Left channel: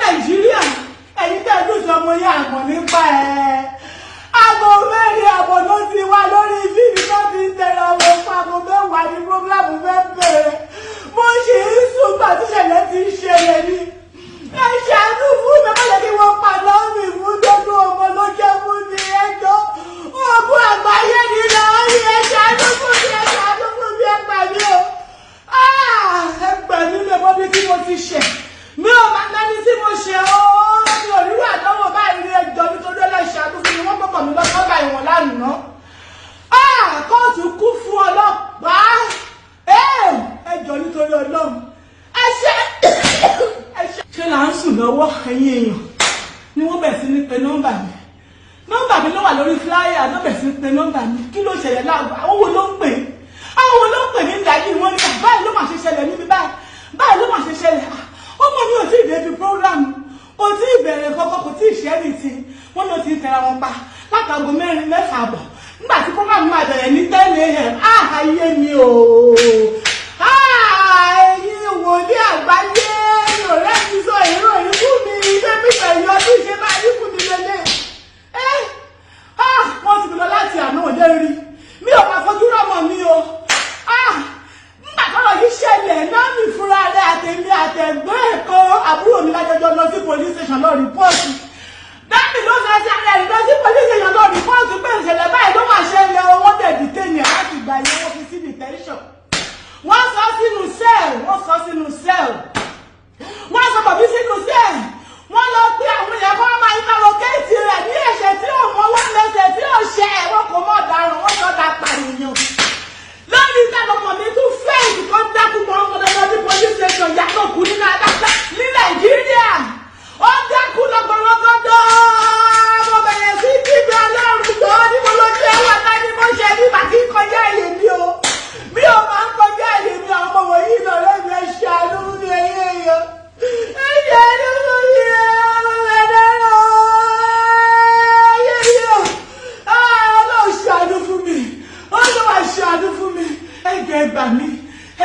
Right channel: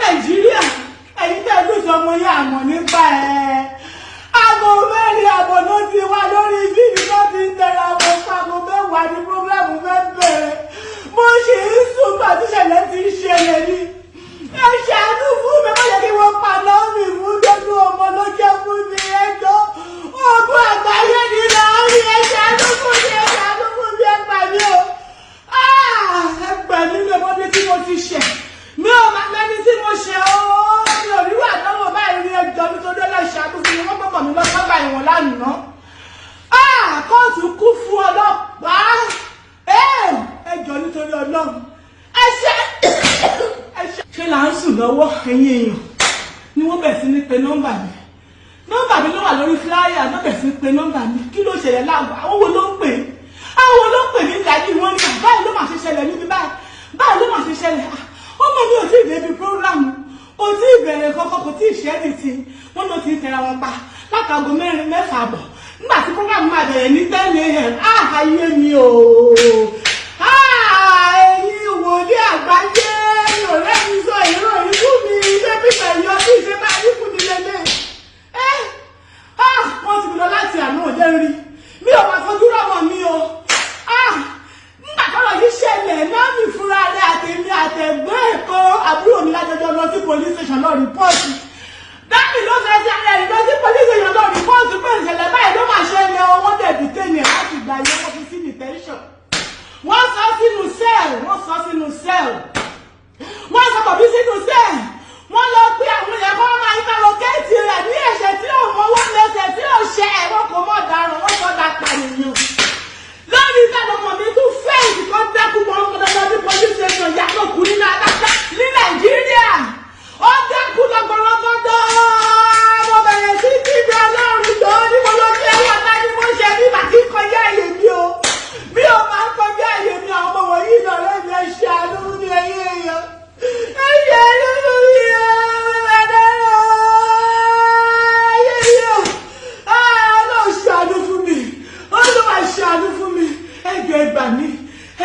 Nàìjíríà ẹ̀yin tẹ́ ló sọ ọmọ yẹn àmọ́ nípa ẹ̀. Aago mẹ́rin àbọ̀ ló ti wá lórí fíìmù tó ti ń tẹ̀lé ọmọ ẹ̀fọ́ aago mẹ́wàá ní prógrámù fẹ́ bẹ̀rẹ̀. Mo ṣì ń sùn gbà tí ìṣẹ̀lẹ̀ ti ń ṣẹlẹ̀ ni. Ẹ ṣàánú fún mi, má jẹ́ kí wọ́n pa Naomi fún dọ́dún ọmọ ló jẹ́ fún mi ẹjọ́. Ogun àgbáyé ni Naomi, ẹ ṣàánú fún mi, ẹ ṣàánú fún mi, ẹ gbà mí o. Ẹ gbà mí lọ́wọ́ bí tí mo ti ṣẹ̀. Mi ò máa mẹ́ni tí mo ṣe ooo. Mi ò rí wà lọ́wọ́ báyìí ní ẹjọ́ nítorí ọlọ́ṣàánú fún mi. Wọ́n gbọ́kàn mi lọ sọ́gbà ìwọ̀n lánàá. Kóòtù kú fún ọlọ́pàá. Ẹjọ́ nítorí Ọlọ́run. Ṣé là ń sùn lọ́wọ́ ẹ̀yin èèyàn ni wọ́n bẹ̀ sí ní pe nọ́mbà mi. Nọ́mbà mi ló wà lórí fúláyà náà bẹ̀ sí ní pe nọ́mbà mi. Kí ló ṣẹlẹ̀ láàbù? Àwọn wo ló ń pè? Àwọn wo ló ń pè ní ìdájí wọn ní báyìí ló máa ṣe ṣẹlẹ̀ níbi báyìí. Báyìí ló máa ṣe ṣẹlẹ̀. Ọmọ mi ò tí ì débi prógrámù. Kò tí ì bẹ̀rẹ̀ kọ́kọ́, kò tí ì ṣẹ́ ní ti. Wọ́n ló ti tẹ̀ra wọn pa látàgò mẹ́fà àbọ̀. Nígbà tí prógrámù máa bẹ̀rẹ̀ ní 10 a.m. Ayé mi o. Ẹ̀yin wò ní àgbáyé. Ọ̀rẹ́ mi sọ ìró ìlú mi ṣé pípẹ̀ yọ bí ṣe máa rí fún mi lélẹ̀. Wọ́n ti lọ láti àná òde rí. Mi ò máa fojú rọ́mọ mi o. Nígbà tọ́rọ̀ yìí ṣẹlẹ̀ náà mi fúnra rẹ̀ àtẹ̀mí àtẹ̀gbọ́n ẹ̀kọ́ àbúrò mi lájọjọ́ lọ sí police station lọ rìpọ́ọ̀tì. Dáàbì ló fẹ́ sí alẹ́ lọ sí police station lọ rìpọ́ọ̀tì pé ìṣẹ̀lẹ̀ báyìí ló máa ṣẹlẹ̀ owó dẹ̀ dìtẹ̀yìn láti gbà yẹn wọ́n fi sí detention. Wọ́n sọ sínú sẹ́ẹ̀lì, wọ́n sọ bàbí sínú sẹ́ẹ̀lì. Wọ́n lọ pé àwọn èèyàn kan máa ń kálọ kéèsì rẹ̀ ní ẹ̀ṣẹ̀ tí ò mọ́wọ́ lẹ́sẹ̀ tí ò ṣe ẹ̀wọ̀n kò mọ̀ ọ̀daràn wọ́n sọ dá pànìyàn. Lórí ìtàlọ́mọ mi tún fẹ́ẹ̀sì kan dákú mọ́ ọmọ dandan ní police station yàtọ̀ kú ní Nàìjíríà. Ó dákú lọ́gbọ̀nrọ́gbọ́dọ́. Mo bẹ̀rẹ̀ sí kíbi Ọlọ́run jọ ní mo lọ sí ẹwà náà ní mo ṣe ní màkì kọjá àyè mi o. Mi ò máa ń kọjá àyè mi àwọn ọmọ wọ̀nyí lọ́rẹ́ mi ẹ ṣàánú ní ẹyẹ èèyàn. Ẹ ṣàánú fún mi o. Ọlọ́run ṣàánú fún mi. Ọlọ́run ṣàánú fún mi. Ẹjọ́ ẹ gbà mí.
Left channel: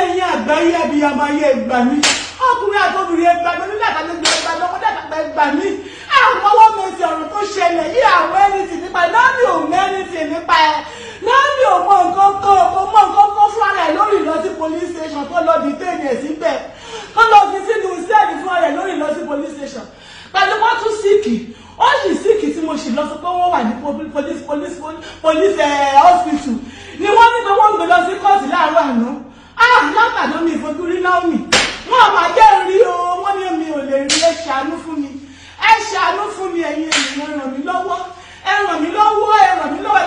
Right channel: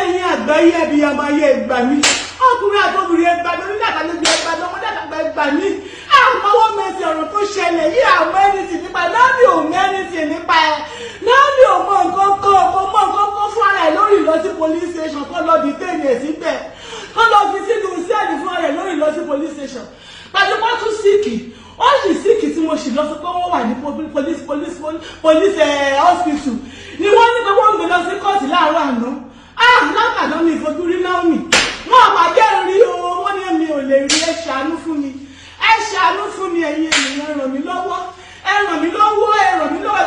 Ẹ̀yin àgbáyé Abiyamoʻ ayé ẹ gbà mí. Ọkùnrin àtọ́bìnrin ẹ gbà mí. Onídàgbàlejò ẹ gbà mí. Ọmọdé àgbà ẹ gbà mí. Àwọn ọwọ́ mẹ́sì ọ̀rọ̀ tó ṣẹlẹ̀ yí àwọn ẹnìtì nípa ẹ̀. Naomi ò mẹ́rìntì nípa ẹ̀. Naomi ò mọ nǹkan kan. Mo mọ nǹkan kan fún ara ẹ̀ lórí ìlọ sí police station tó lọ bí téèyàn síbẹ̀. Tó lọ fi sínú sẹ́ẹ̀lì fún ara ẹ̀ lórí ìlọ sí police station. Pẹ̀lú wọ́n tún síìkì. Ó sì síìkì tí mo sì lọ sọ pé wọ́n wà ní police hospital. Ni wọ́n ní pé wọ́n gbé lọ sí kóòtù láàárọ̀ àná. Látàná mi ìfojú rí Naomi. Wọ́n àmàjẹ́ rí o. Wọ́n ní mi ò lè rí ẹ ṣàánú fún mi. Ẹ ṣàánú fún mi ẹ̀yin ènìyàn ẹ ràn mí lọ́wọ́. Ẹ ràn mí lọ́wọ́. Ẹ ràn mí lọ́wọ́.